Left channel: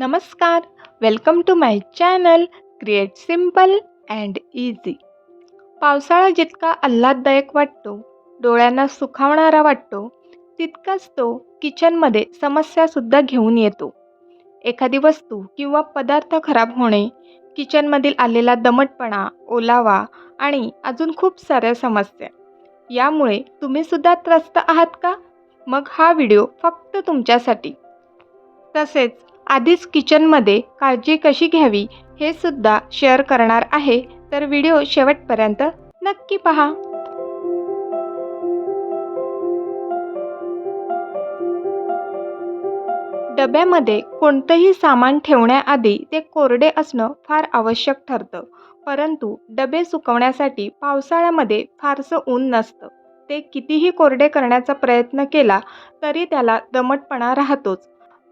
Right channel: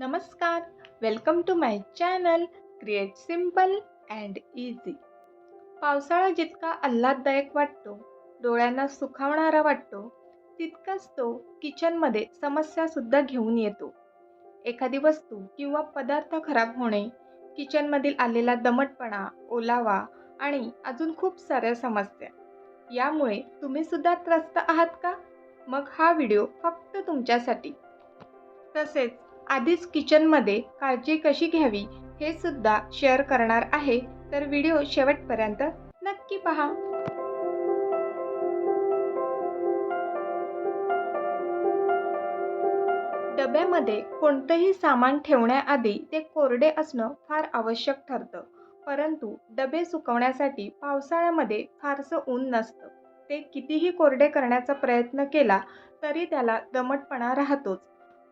नमस्कार, welcome to my channel create simple and easy. पावसाळा जितका आल्हाददायक वाटतो, डोळ्यांना सुखावणारा वाटतो, तितकाच तो किचनमध्ये समस्यासुद्धा घेऊन येतो. एखादी वस्तू किंवा पदार्थ खराब होणे, किचनमधील आलेला दमटपणा, ओलावा आणि अजून खूप साऱ्या समस्या. यामुळे तुम्हीसुद्धा त्रस्त आहात का? मग हा व्हिडिओ फक्त तुमच्यासाठी. तसेच आधीच किचनमध्ये काळजी कशी घ्यावी हे सुद्धा शेअर करणार आहे, तर व्हिडिओ शेवटपर्यंत नक्की पहा. डब्यामध्ये कोणतंही सामान ठेवण्याआधी ते कोरडे असणं फार आवश्यक ठरतं. परंतु डबे सुकवण्यासाठी पावसाळ्यामध्ये फारसं ऊन नसतं. ते कितीही कोरडे करण्याचा प्रयत्न केला तरी त्याला दमटपणा राहतोच.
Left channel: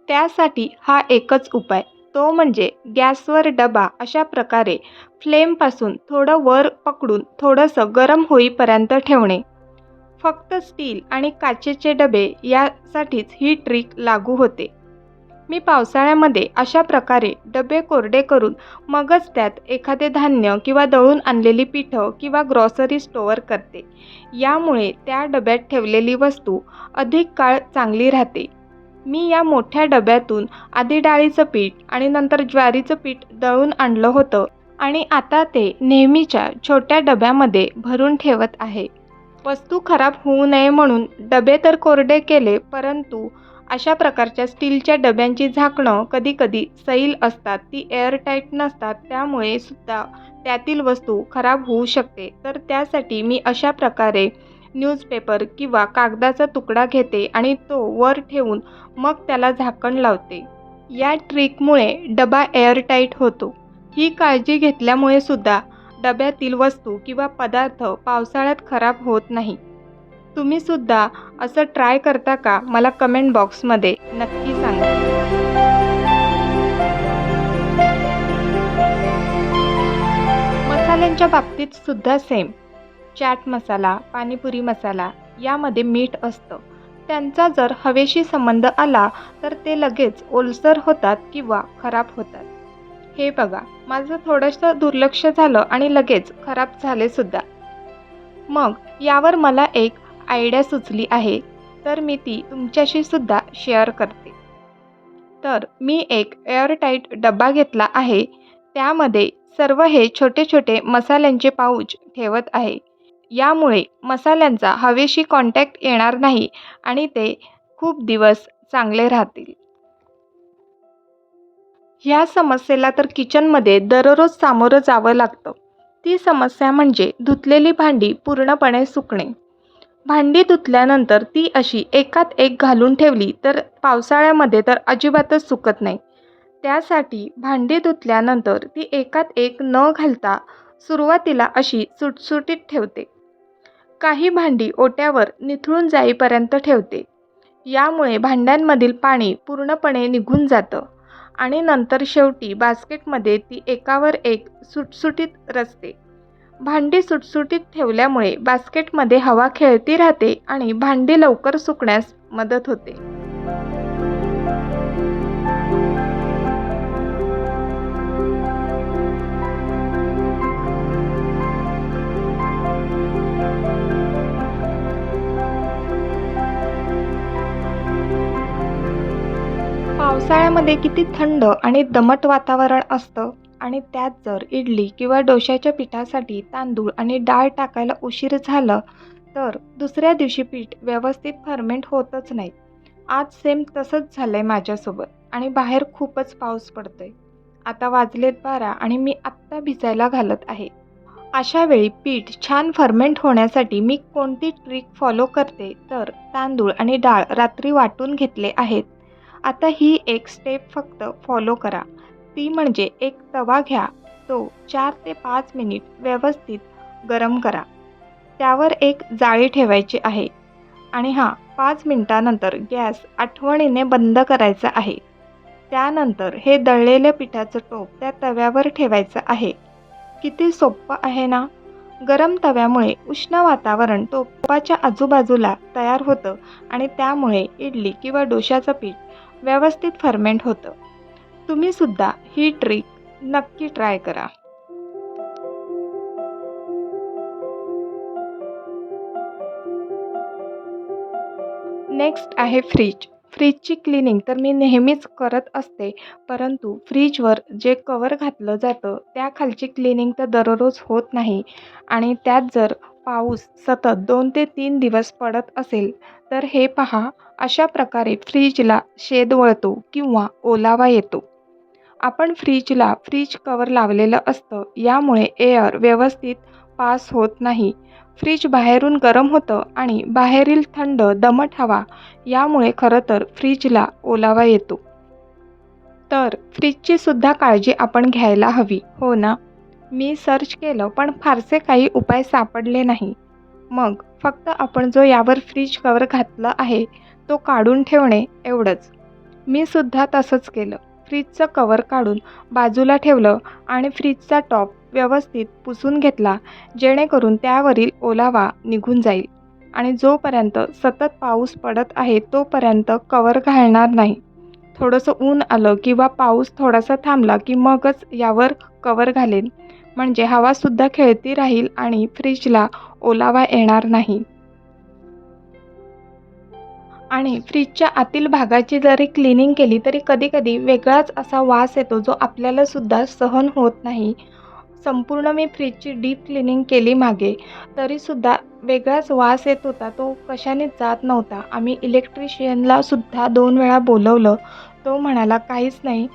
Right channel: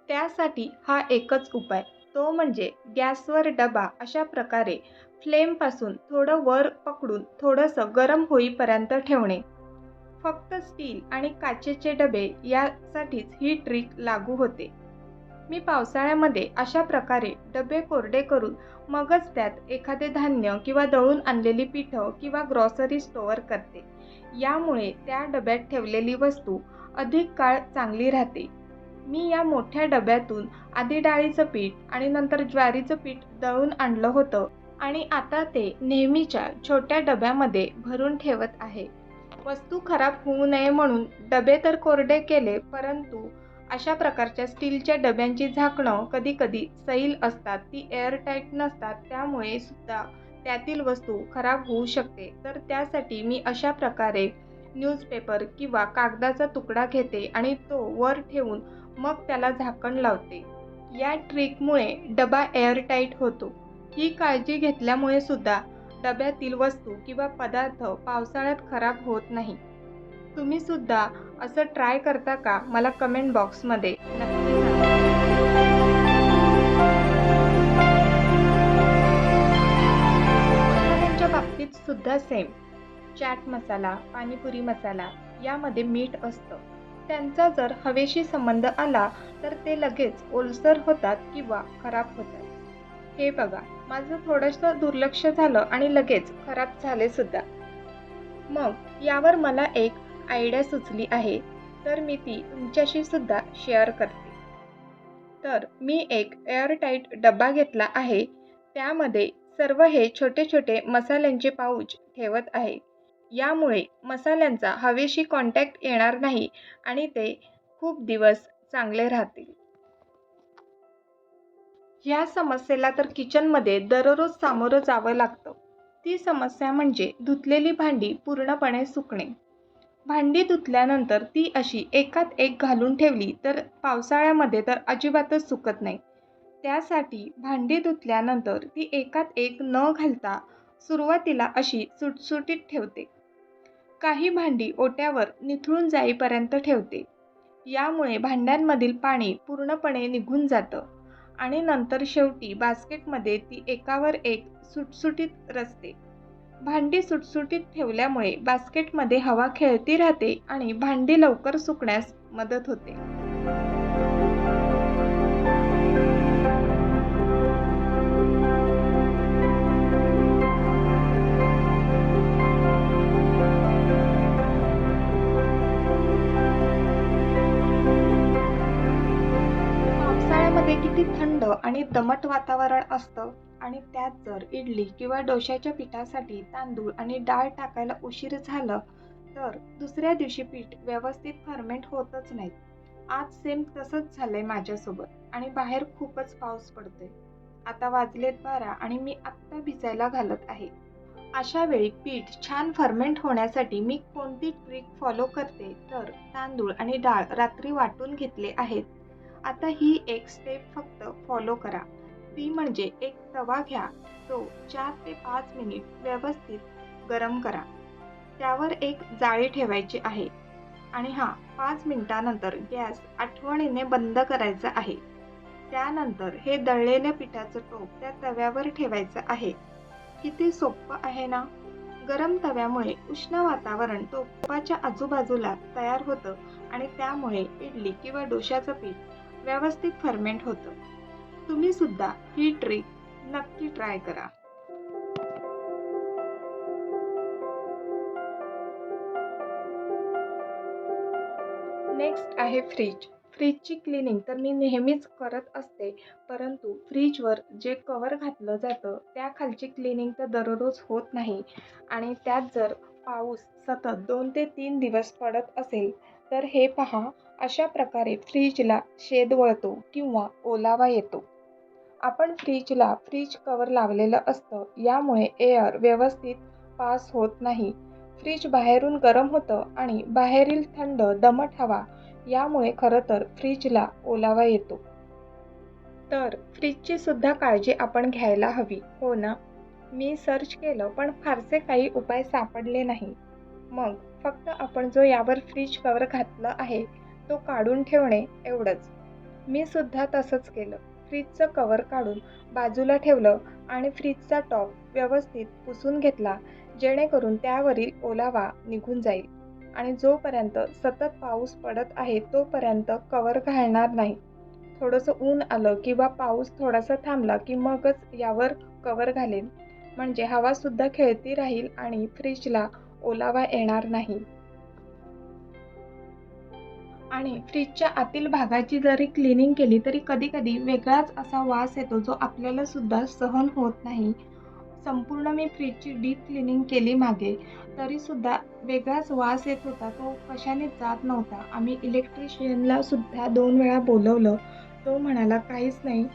त्यासाठी हा एकच उपाय, तो म्हणजे गॅसवर डबा अशा प्रकारे फ्लेमपासून थोडं वर पकडून थोडंसं गरम होईपर्यंत ठेवणे. फक्त स्टील आणि काचेचे डबे यासाठीच ही ट्रिक लागू होते. मी पावसाळ्यामध्ये अशा प्रकारे डबे कोरडे करून मगच त्यात एखादे धान्य किंवा दळून आणलेली पिठं किंवा ग्रॉसरी स्टोअर करते. यामुळे त्या डब्यात ठेवलेली वस्तू अधिक काळ चांगली राहते. मी या मोठ्या डब्यातून आधी डाळीचं पीठ आणि नंतर ज्वारीचं पीठ दळून आणलं होतं आणि आता ते नेहमीच्या छोट्या डब्यामध्ये भरून ठेवत आहे. वस्तू खराब होऊ नये म्हणून डबे तर कोरडे केले, परंतु अशा प्रकारच्या स्टीलच्या डब्यांची झाकणं कधीकधी सैल असतात, ती एअरटाईट नसतात. त्यामुळे सुद्धा त्यातील वस्तू खराब होऊ शकते. तर त्यासाठी मी अशा प्रकारे न्यूजपेपर किंवा कागदाचा तुकडा घेते आणि तो वर ठेवून मग त्याला झाकण लावते. या ट्रिकमुळे डबा एअरटाईट होतो. ही काळजी घेतल्यामुळे सुद्धा डब्यातील वस्तू किंवा पदार्थ पावसाळ्यात खराब होत नाही. तुम्ही सुद्धा असं ट्राय करता का? मला कमेंट बॉक्समध्ये नक्की सांगा. मसाल्यांच्या बाबतीत सुद्धा सेम. चाट मसाला, पाणीपुरी मसाला यामध्ये मीठ असतं. त्यांचा जर हवेशी संबंध आला तर ते लगेच ओलसर होतात किंवा खराब होतात. हे बघा, माझं थोडंसं दुर्लक्ष झालं आणि लगेच खराब झाले सुद्धा. मग यावर मला एक आयडिया सुचली आहे, तर मी ती तुमच्याशी सुद्धा शेअर करते. तर मी एक एअरटाईट डबा घेतला आहे. त्यामध्ये सर्व हे छोटे छोटे मसाल्यांचे पाऊच ठेवत आहे. यामुळे मसाल्यांचा हवेशी कॉन्टॅक्ट येणार नाही आणि ते खूप दिवस चांगले राहतील. ह्या समस्येला तर किचनमध्ये दररोज सामोरं जावं लागतं. ती समस्या म्हणजे धुतलेली भांडी पूर्णपणे सुकणे. भांडी धुतल्यानंतर ती अशी एकात एक घालून ठेवली तर पावसाळ्यामध्ये तर अजिबातच सुकत नाही. त्यासाठी भांडी धुतल्यानंतर ती एकात एक न घालता सुरुवातीला अशी सुटसुटीत ठेवते. काही भांडी ओट्यावर निथळून जाईपर्यंत ठेवते. यामुळे भांड्यांमधील पाणी पूर्णपणे निघून जातं आणि नंतर शेवटी बास्केटमध्ये ती एकावर एक सुटसुटीत रचते. भांडी सुटसुटीत ठेवल्यामुळे बास्केटमध्ये हवा खेळती राहते आणि भांडी लवकर सुकण्यास मदत होते. पावसाळ्यामध्ये किती थंड आणि दमट वातावरण असतं आणि त्यात जर इडली किंवा डोश्याच्या पिठासाठी तांदूळ आणि डाळ टाकायला उशीर झाला तर दुसऱ्या दिवशी पीठ व्यवस्थित फर्मेंट होतच नाही. आज सेम तसंच झालंय माझ्यासोबत आणि बाहेर खूपच पाऊस पडतोय. आता वाजलेत 12 आणि मी आत्ता भिजायला घालत आहे. अशा वेळी पीठ छान फर्मेंट होण्यासाठी मी कोणती ट्रिक फॉलो करते, तर तांदूळ आणि डाळ रात्री वाटून घेतले आहेत. आता ही एक स्टेप फक्त फॉलो करा. ती म्हणजे एक तवा घ्या, तो 4 ते 5 मिनिट व्यवस्थित गरम करा. त्यावर एक जाळी ठेवायची आहे आणि 5 मिनिटानंतर गॅस आठवणीने बंद करायचा आहे. त्यानंतर हे दळलेल्या पिठाचं टोप त्या तव्यावर ठेवायचं आहे. किती सोपं आहे ना? गरम तव्यामुळे उष्ण वातावरण टोपाच्या आजूबाजूला तयार होतं आणि त्यामुळे इडली किंवा डोश्याचं पीठ व्यवस्थित फर्मेंट होतं. तुम्ही सुद्धा ही ट्रिक नक्की ट्राय करा. नेक्स्ट आहे फ्रीज. फ्रीजची क्लिनिंग तर मी नेहमीच करत असते, परंतु फ्रीजवर जे कवर घातलं जातं त्याखालची क्लिनिंग तर दररोज होत नाही आणि त्यात जर पाऊस सतत 2 ते 3 दिवस पडत असेल, तर हे पहा अशा प्रकारे फ्रीजला शेद वळतो किंवा ओलावा येतो. आपण फ्रीजला फ्रीज कवर लावलेलं असतं, यामुळे एअर व्यवस्थित पास होत नाही. फ्रीज बाहेरून गरम होतं आणि बाहेरील थंड दमट हवा यामुळे खरं तर फ्रीजला ओलावा येतो. तर फ्रीजची सुद्धा काळजी आपण घ्यायला हवी, हो ना? मी सर्च केलं पण फारसे काही उपाय सापडले नाही. मग फक्त आपण जो यावर फ्रीज कवर घातला आहे, तो काढून ठेवणे एवढंच. मी सुद्धा तसंच केलं. फ्रीजचं कवर काढून बाजूला ठेवलं आणि फ्रीजचा टॉप व्यवस्थित पुसून घेतला, जेणेकरून त्यावरील ओलावा निघून जाईल आणि जोपर्यंत सतत पाऊस पडत आहे, तोपर्यंत कवर घालणार नाही. थोडंसं ऊन आलं किंवा पाऊस थोडासा थांबला, की मगच यावर कवर घालेन. म्हणजे हवासुद्धा खेळती राहील आणि फ्रीजला ओलावा येणार नाही. आणि फ्रीजच्या आतील भागाची जरी क्लिनिंग केली तरी कधी-कधी वेगळाच असा वास येतो जो आपल्याला सुद्धा सहन होत नाही. संपूर्ण मी फ्रीजची डीप क्लिनिंग केली मागे, तरीसुद्धा वेगळाच वास येत होता. तो कशानेच जात नव्हता. आम्ही इलेक्ट्रिशियनला सुद्धा 2 वेळा बोलवलं. तो म्हणाला, "काहीच नाही,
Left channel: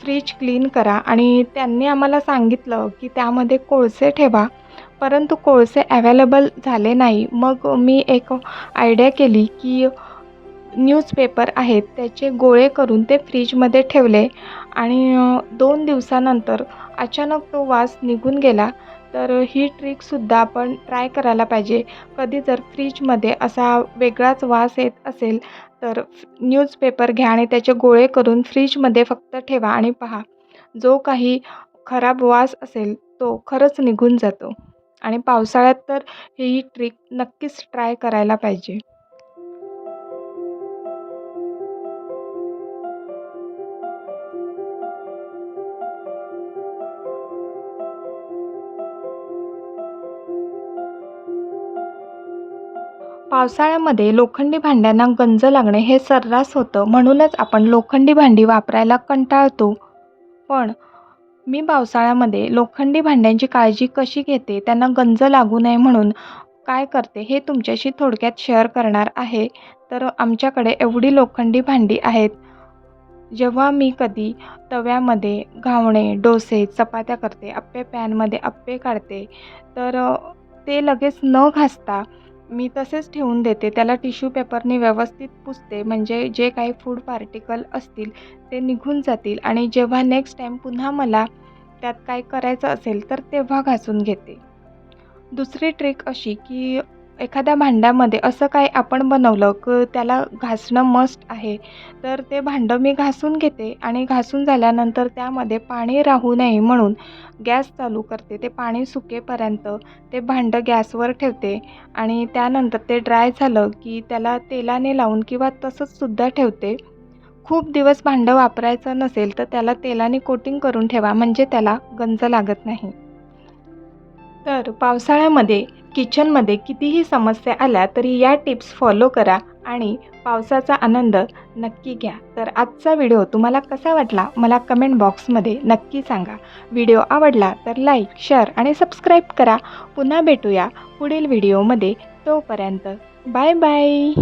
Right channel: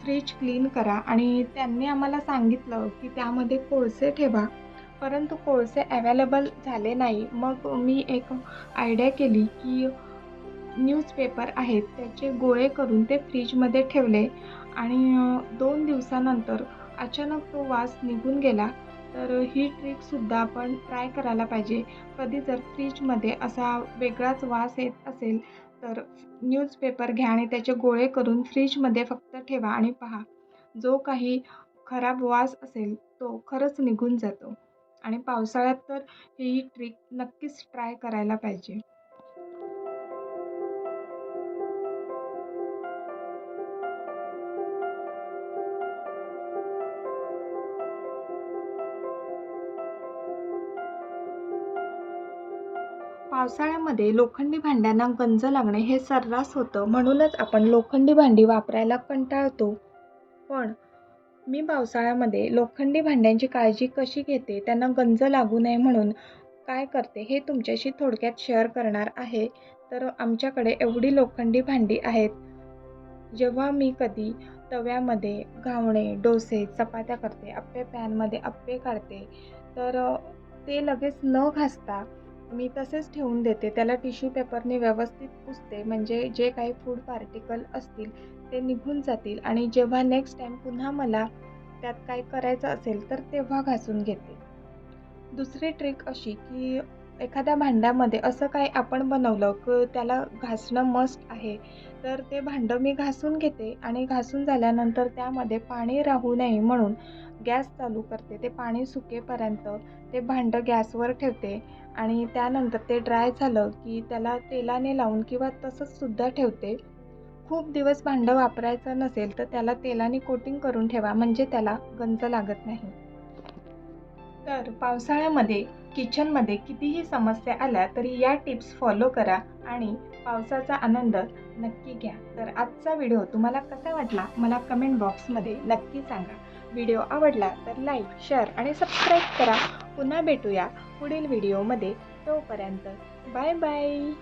फ्रीज क्लीन करा" आणि त्यांनी आम्हाला सांगितलं, की त्यामध्ये कोळसे ठेवा. परंतु कोळसे अवेलेबल झाले नाही. मग मी एक आयडिया केली, की न्यूजपेपर आहेत त्याचे गोळे करून ते फ्रीजमध्ये ठेवले आणि 2 दिवसानंतर अचानक तो वास निघून गेला. तर ही ट्रिकसुद्धा आपण ट्राय करायला पाहिजे. कधी जर फ्रीजमध्ये असा वेगळाच वास येत असेल, तर न्यूजपेपर घ्या आणि त्याचे गोळे करून फ्रीजमध्ये फक्त ठेवा आणि पहा, जो काही खराब वास असेल तो खरंच निघून जातो. आणि पावसाळ्यात तर ही ट्रिक नक्कीच ट्राय करायला पाहिजे. पावसाळ्यामध्ये लोखंडी भांड्यांना गंज लागणे हे सर्रास होतं, म्हणूनच आपण लोखंडी भांडी वापरायला कंटाळतो. पण मी पावसाळ्यामध्ये लोखंडी भांड्यांची काळजी कशी घेते, त्यांना गंज लागू नये म्हणून काय करते, हे तुमच्याशी थोडक्यात शेअर करणार आहे. तर आमच्याकडे एवढी लोखंडी भांडी आहेत. जेव्हा मी कधी तव्यामध्ये घावणे, डोसे, चपात्या करते, अप्पे पॅनमध्ये अप्पे काढते, तर ते लगेच न घासता मी तसेच ठेवून देते. त्याला टिश्यू पेपरने व्यवस्थित पुसते, म्हणजे जे काही फूड पार्टिकल असतील ते निघून जातील आणि जेव्हा नेक्स्ट टाईम पुन्हा मला त्यात काय करायचं असेल, तर तेव्हा घासून घेते. दुसरी ट्रिक अशी, की एखाद्या भांड्यामध्ये असं काही आपण बनवलं, की त्याला घासणं मस्ट आहे, तर ते भांडं मी घासून घेते आणि घासून झाल्यानंतर त्यामध्ये पाणी राहू नये म्हणून गॅस चालू करते. ते पाणी सुकेपर्यंत ते भांडं गॅसवर ठेवते आणि त्यानंतर ते ड्राय झालं, की त्याला तेलाने लावून किंवा तसंच सुद्धा ठेवते. खूप दिवस भांडं वापरायचं नसेल, तर त्याला तेलाने कोटिंग करून ठेवा, म्हणजे त्याला गंज लागत नाही. तर पावसाळ्यामध्ये किचनमध्ये कितीही समस्या आल्या तरी या टिप्स फॉलो करा आणि पावसाचा आनंद नक्की घ्या. तर आजचा व्हिडिओ तुम्हाला कसा वाटला मला कमेंट बॉक्समध्ये नक्की सांगा. व्हिडिओ आवडला तर लाईक, शेअर आणि सबस्क्राईब करा. पुन्हा भेटूया पुढील व्हिडिओमध्ये. तोपर्यंत बाय बाय.